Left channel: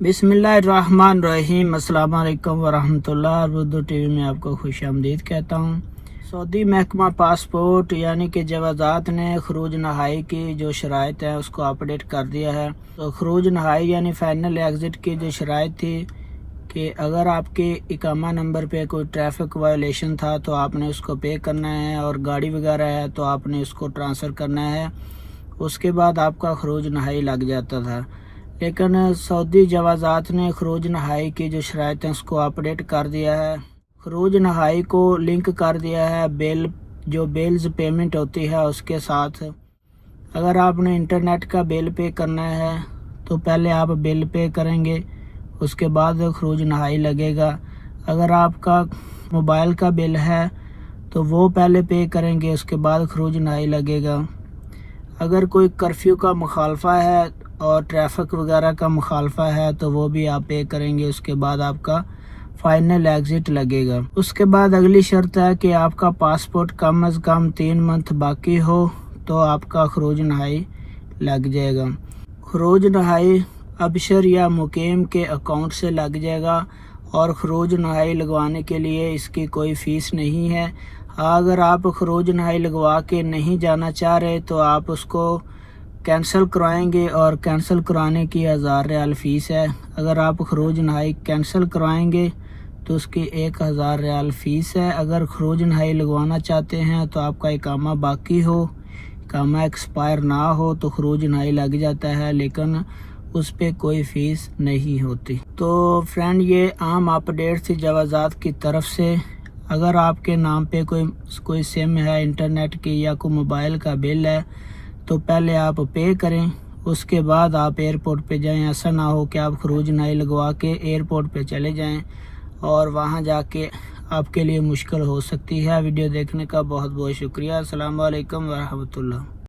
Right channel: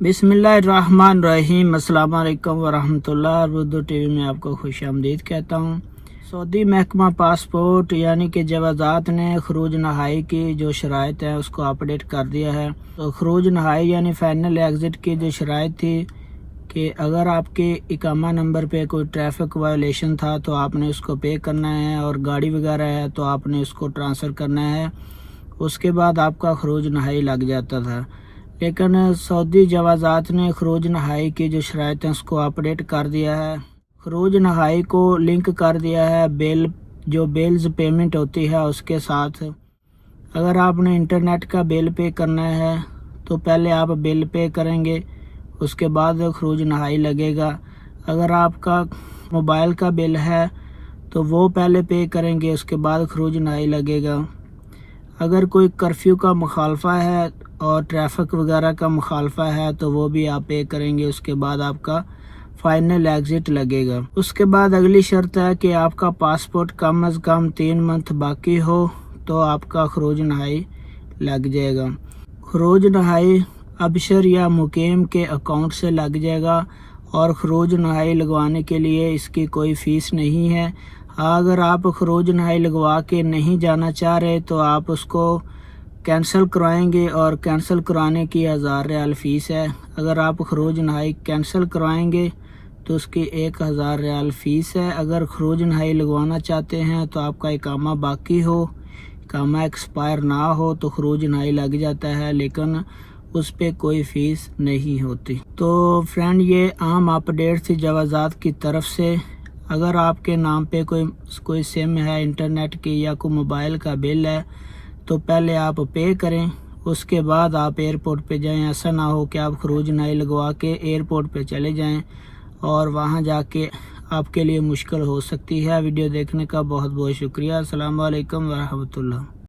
बिस्मिल्लाहिर्रहमानिर्रहीम। अस्सलाम वालेकुम वरहमतुल्लाह। उर्दू टीवी में आपको खुश आमदीद कहता हूँ। सऊदी महकमा पासपोर्ट यानी कि जवाज़ात ने खरूज नहाई की जो शराइत है उसको अपडेट कर दिया है। तो खरूज नहाई यानी फाइनल एग्ज़िट की जो शराइत थी कि अगर आपके इकामा नंबर पे कोई ट्रैफिक वायलेशन था तो आपने उसको पे करना है, और गाड़ी वगैरह है तो आपने उसको ट्रांसफ़र करना है, उसके बाद आपका खरूज नहाई लग जाता था। लेकिन सऊदी जवाज़ात ने खरूज नहाई की जो शराइत है उसको अपडेट कर दिया है। खरूज नहाई को लिंक कर दिया है बेल्स पेमेंट होती है उसके साथ। अगर आपने इंटरनेट का बिल पे करना है तो पहले आप बिल पे करेंगे, उसके बाद खरूज नहाई लगेगा। अगर आपका मोबाइल का बिल है तो वो पहले पे करेंगे, उसके बाद खरूज नहाई लगेगा। अगर कोई कर्फ्यू का मुखालफा है और ट्रैफिक वगैरह का मुखालफा है तो वो भी आप पे करेंगे, उसके बाद आपका फाइनल एग्ज़िट लगेगा। उसके बाद अगली शर्त है कि आपका पासपोर्ट कम अज़ कम 3 मंथ बाकी हो तो आपका खरूज नहाई लग जाएगा। खरूज नहाई अबशर या मुकीम के अकाउंट से लग जाएगा, और खरूज नहाई लगवाने के लिए इसकी कोई फ़ीस नहीं है। अगर आप खरूज नहाई लगवा के नहीं जाना चाह रहे तो आप उसको कैंसिल करवाएंगे, और कैंसिल कराने की 1000 रियाल फ़ीस है। अगर आप खरूज नहाई कैंसिल करवाएंगे तो उसकी 1000 रियाल फ़ीस है। अगर खरूज नहाई लगवाना चाहते हैं तो आपका इकामा बाकी हो, इकामा एक्सपायर ना हो तो खरूज नहाई लग जाता है, लेकिन उस पर कोई फ़ीस नहीं होती। तो फ्रेंड, ये आम अपडेट थी जवाज़ात की तरफ से। अगर आपके नाम पे कोई सिम है इंटरनेट की या कोई मोबाइल का बिल है तो पहले आप पे करें, उसके बाद आप एयरपोर्ट पे जाएं। ऐसा ना हो कि आप खरूज नहाई लगवा के एयरपोर्ट पे चले जाएं और वहां जाके आपके लिए मुश्किल हो सकती है। वीडियो देखने का बहुत बहुत शुक्रिया। अस्सलाम वालेकुम वरहमतुल्लाह।